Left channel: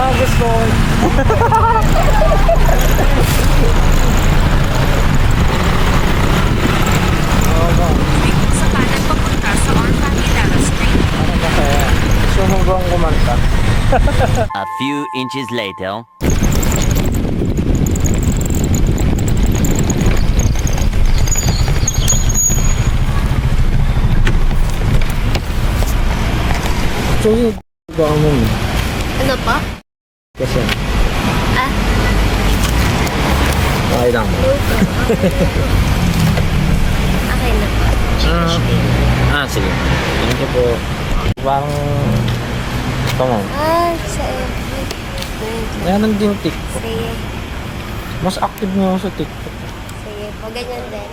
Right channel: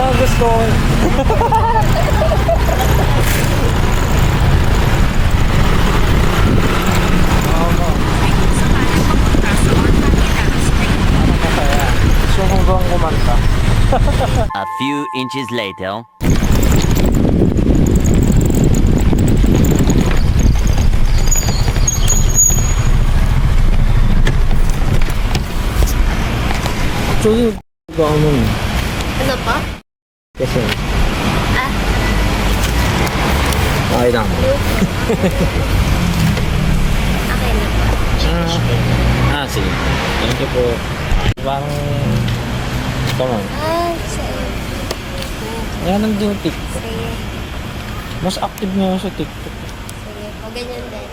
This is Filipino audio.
mga gusto ko. Oo ba? Parang masaya. Gusto mo bang kumanta? A few inches later. Actually, ba mo? Ano pa? Kasi. Okay lang. Sige. Thank you po. Okay. Parang, come on. Yan din TikTok. Sige. Mas active nga ako sa TikTok. Sige. O ganyan din.